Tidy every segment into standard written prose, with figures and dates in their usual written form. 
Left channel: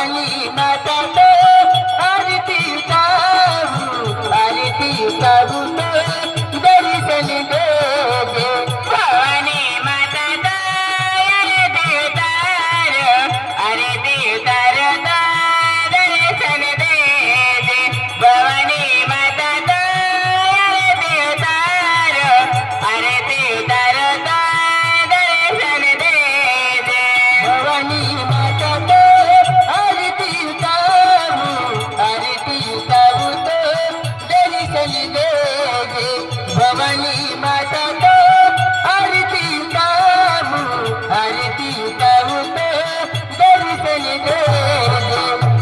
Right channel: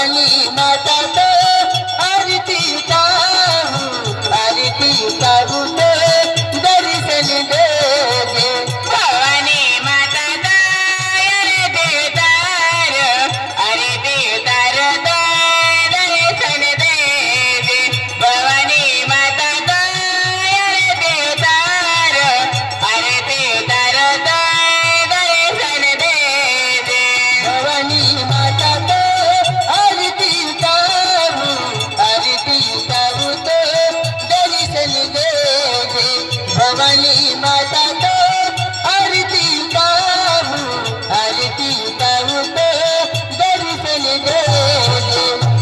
भवानी माता तो आरती काहू तो दर्शन दे दे भवानी माता आरती तार दर्शन दे दे भवानी माता आरती तार दर्शन दे दे भवानी माता तो आरती काहू तो दर्शन दे दे भवानी माता तो आरती काहू तो दर्शन दे दे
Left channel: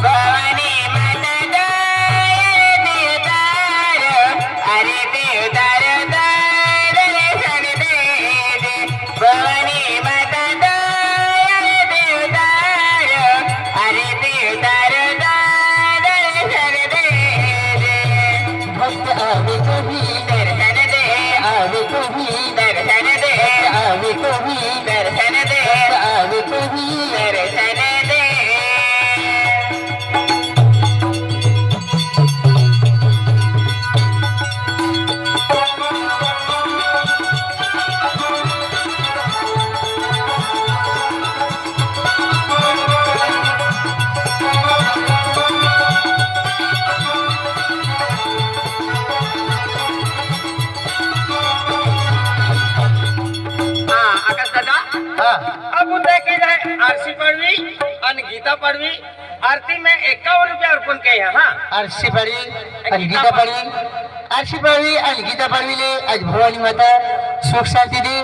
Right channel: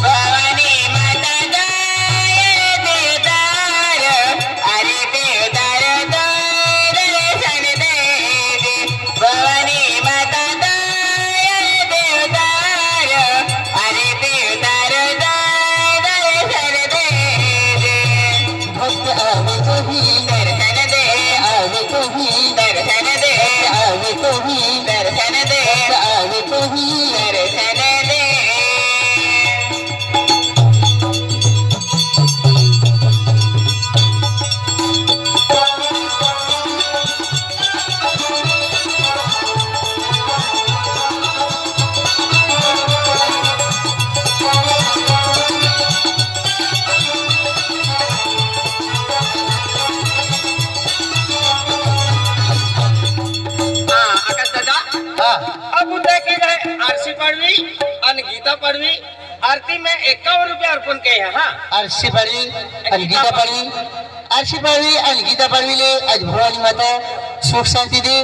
भवानी माता आरती तार दर्शन दे दे भवानी माता आरती तार दर्शन दे दे भक्त आवे कभी दर्शन दे आवे कभी दर्शन दे आवे कभी दर्शन दे आवे कभी दर्शन दे आकाश दादा हा अब उद्या की जाए आरसी पडवी आणि गीता पडवी आरती में 51 रुपये अर्पण किए हैं हाँ आरशी पाडवी आणि गीता पाडवी आरशी पाडवी आणि गीता पाडवीले आज भवानी माता सुख शांति दे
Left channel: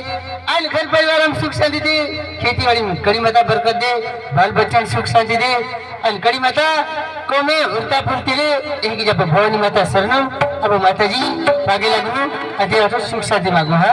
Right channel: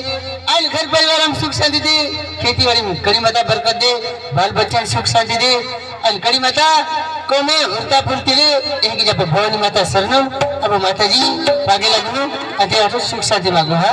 आणि घर परिवार में सुख शांति दे खेती बाड़ी में कड़ी माता बरकत दे बाल बच्चा में सुख शांति दे आणि कड़ी माता को में उड़ता फुर्ती ले एक जब भवानी माता शरणम अब माता जी मागे लगू अते आठो सुख शांति मागो हा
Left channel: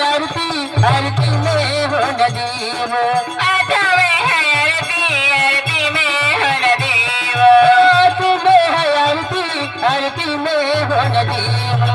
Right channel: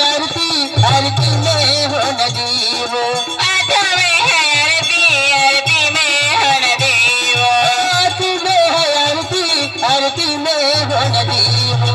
आरती में हो नदी हो आठवे है आरती में हो नदी तुम्हें है आरती में हो नदी हो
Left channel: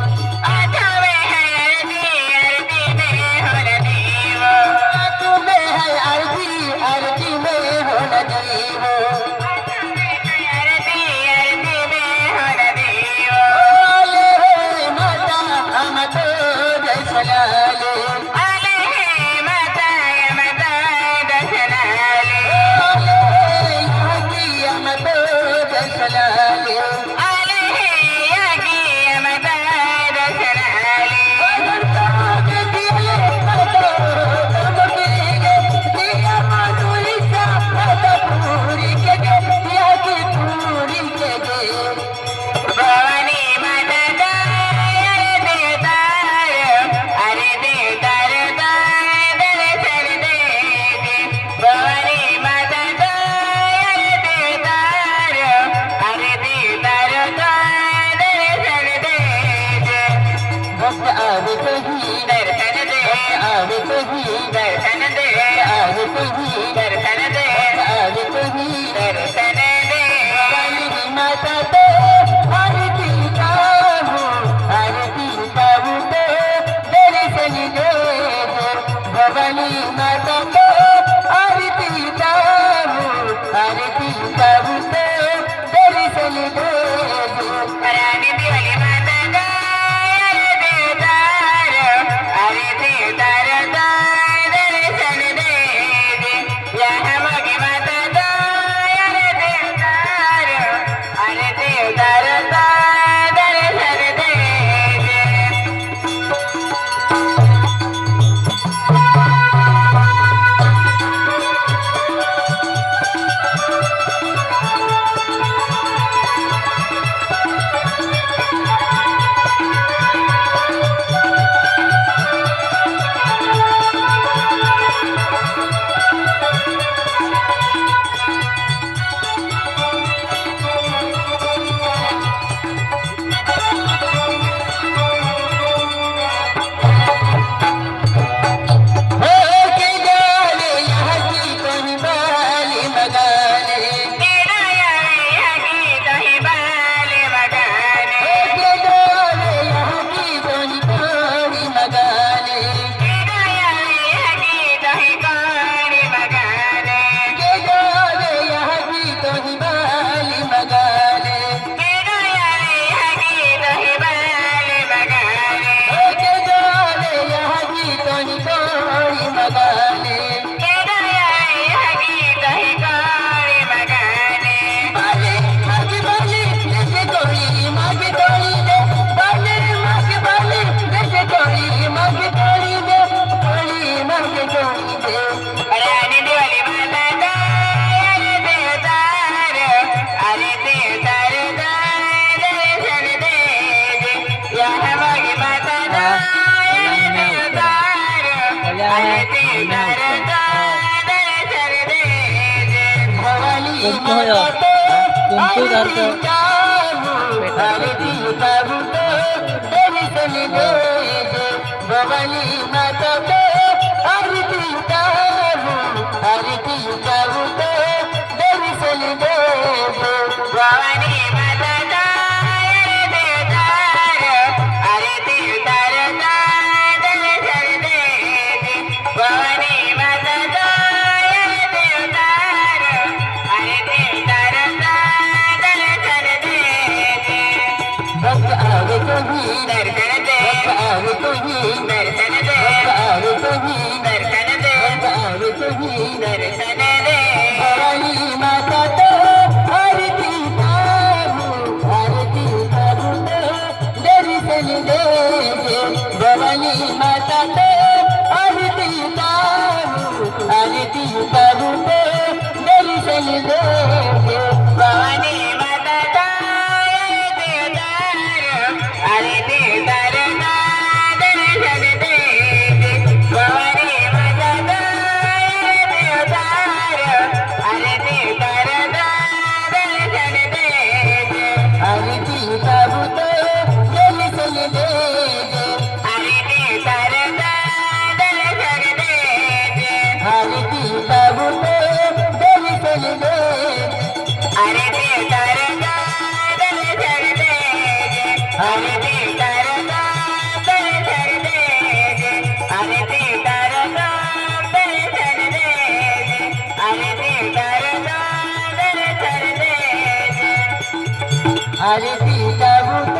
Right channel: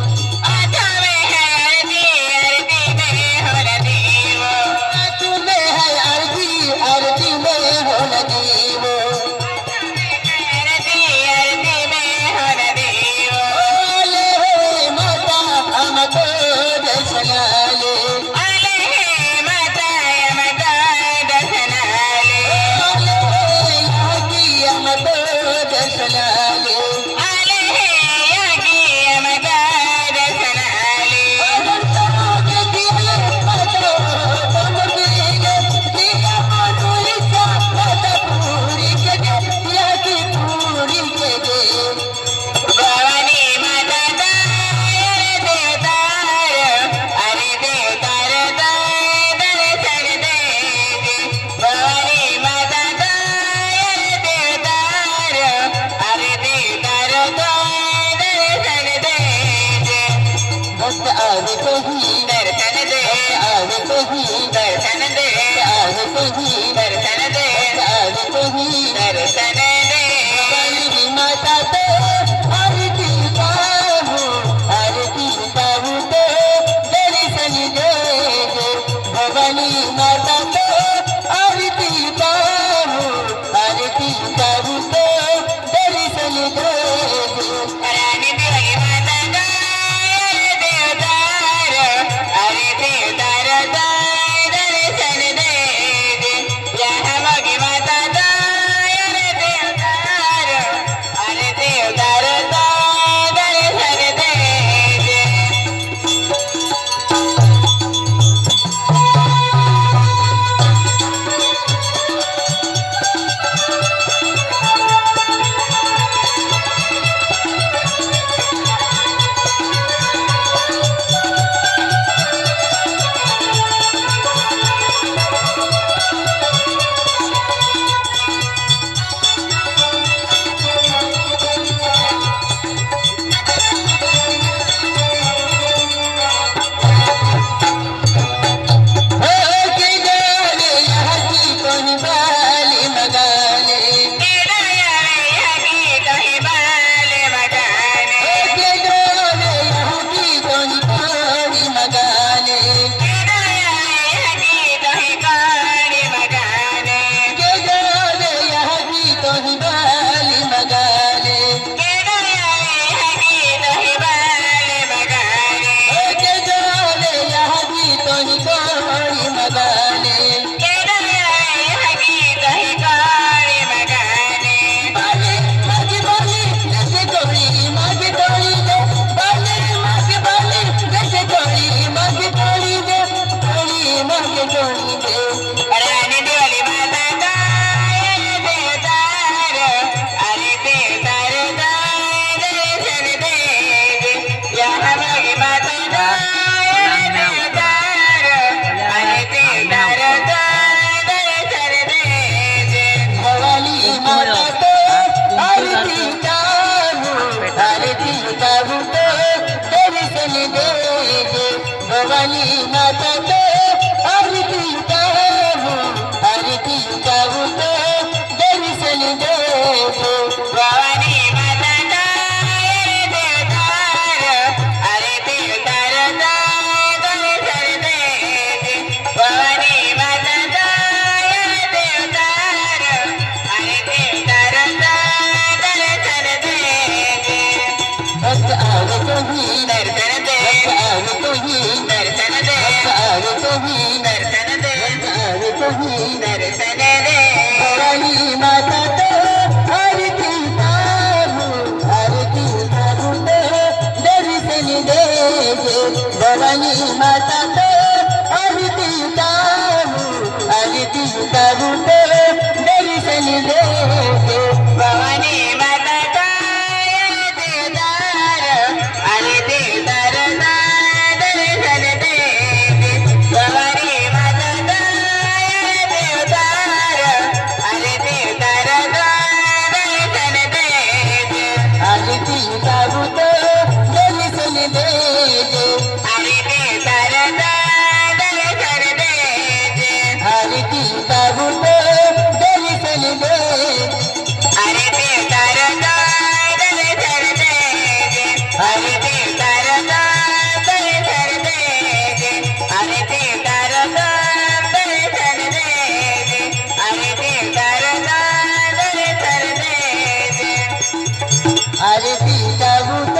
आरती ताबूत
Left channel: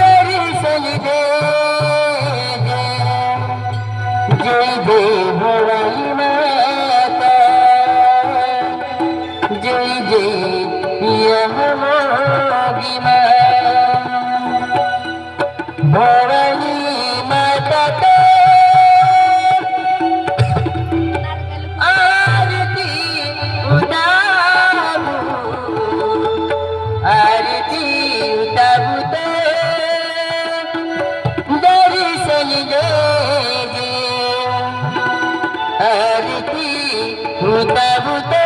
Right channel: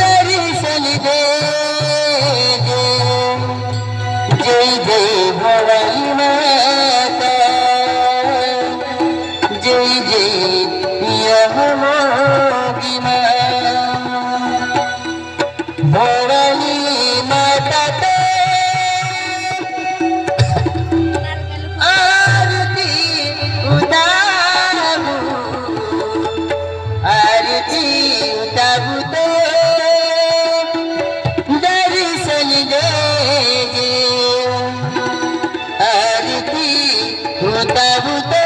दर्शन दे जय जय भवानी माता जय जय यहोगी माँ भवानी माता ते आरती उतारू ते दर्शन दे आरती उतारू ते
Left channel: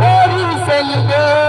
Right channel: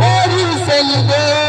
दर्शन दे